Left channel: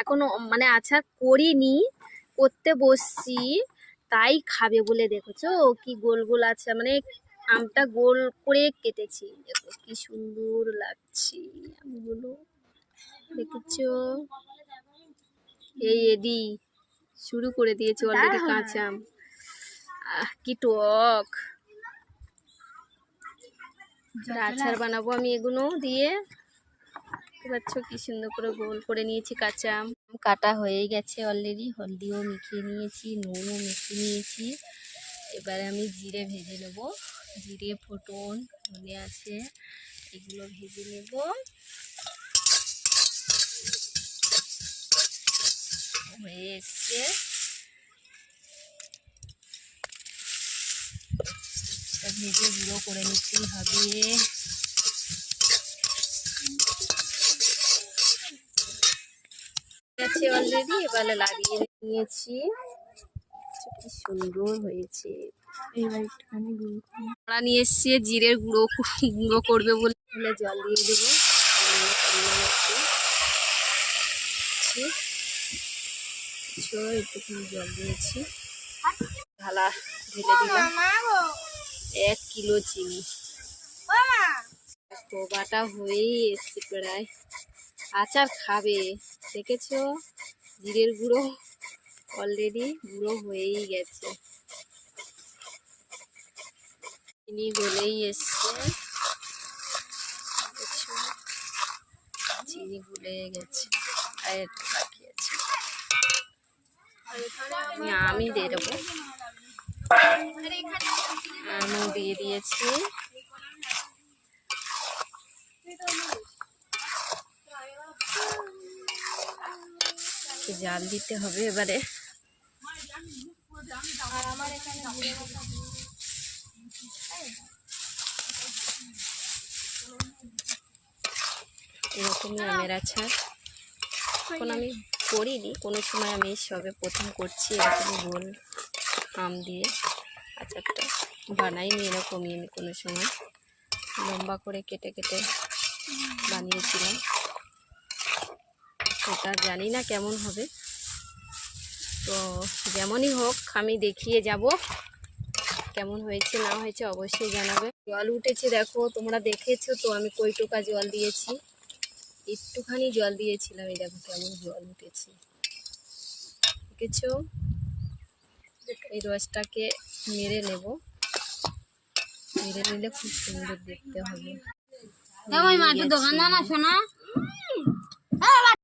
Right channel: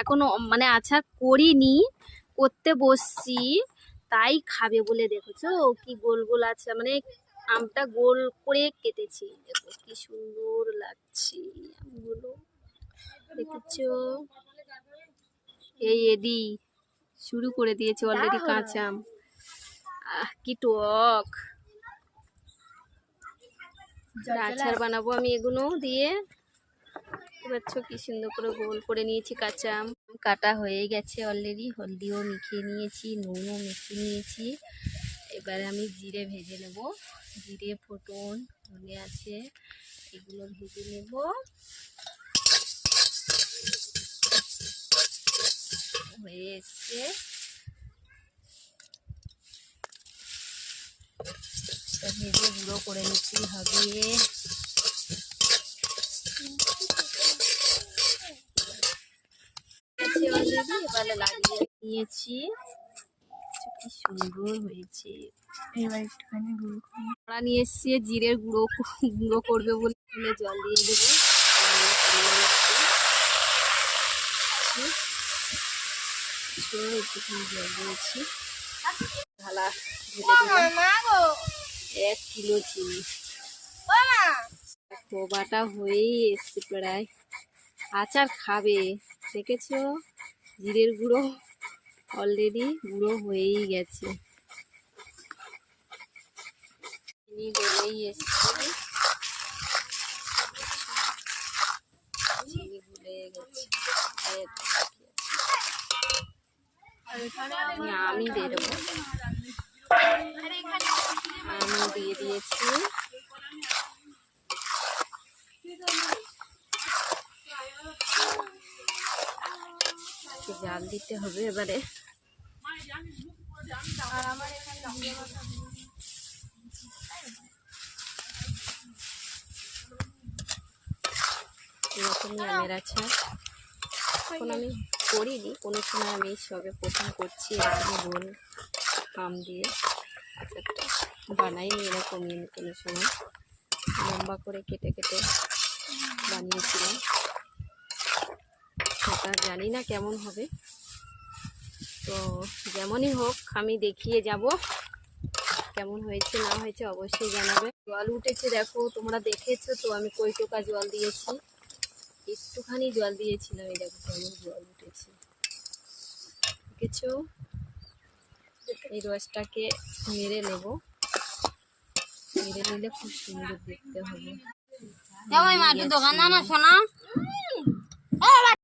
এখনো মানে আচার করিনি, করতে বসছি, তাই খাবে বলে। দেখেছো কি গোল গোল আছে, মানে আমটা গোল করে কেটেছি, দেখো কি সুন্দর লাগছে আমগুলো, দেখেছো? এই এদি শুরু করে দিয়েছে অলরেডি কাঁচা আম। কি টক! আচার বানাবো আমি এগুলো দিয়ে। দেখতে পাচ্ছ কি সুন্দর করে গোল করে নিয়েছি কাঁচা আম। কাটা হয়ে গেছে অলরেডি, হলদিও মেখে নিয়েছি, নুনও মেখে নিয়েছি। এবারে আমি জিরে ভেজে নেব, জিরে ফোটন ধনে আছে, এগুলো ভেজে নেব। হয়ে এসছে, ভেজে গুঁড়ো করে নিতেই হবে। অলরেডি এবারে লাগিয়ে নিয়েছি, কি সুন্দর হয়েছে। এবার একটুখানি গুঁড়ো নিয়ে এসছি, জিরের গুঁড়ো গুঁড়ো করবে বলে জল দিয়ে দেবো। একটুখানি জল দিয়েছি, ঢালা ঢেলে দিলাম 1 কিলো চিনি। বাটা হয়েই এসছে প্রায়, আচার খাবে। দেখেছো জিরের গুঁড়ো অলরেডি গুঁড়ো হয়েই গেছে, চিনি গলেই এসছে, চিনি গুলে গেছে। আমি দিয়ে দেবো, আমি দিয়ে দিয়েছি। জাল দিতে হবে এবারে। এরকমই আমের আচার এখন আমি করিনি কোনো সময়, আমি সবে প্রথম করছি এরকম গোল আম দিয়ে আচারটা। বানাইনি এরকমই আমি কোনো সময়, লম্বা করে কেটে কেটে বানিয়েছিলাম। সেটা জানি না কেমন হবে, তো যেমনই হোক আমি দেখিয়ে যাব কেমন হয়েছে না হয়েছে অবশ্যই জানাবে। জল উঠেছে দেখো, তোমরা দেখেছো তো আমি কই টোকা জল দিয়েছি, একটুখানি জল দিয়েছিলাম, এই দেখো কেমন জল উঠেছে, দেখেছো? এই রসটাকে নেড়ে নেব, নেড়ে নিলে খুব সুন্দর দেখতে হবে।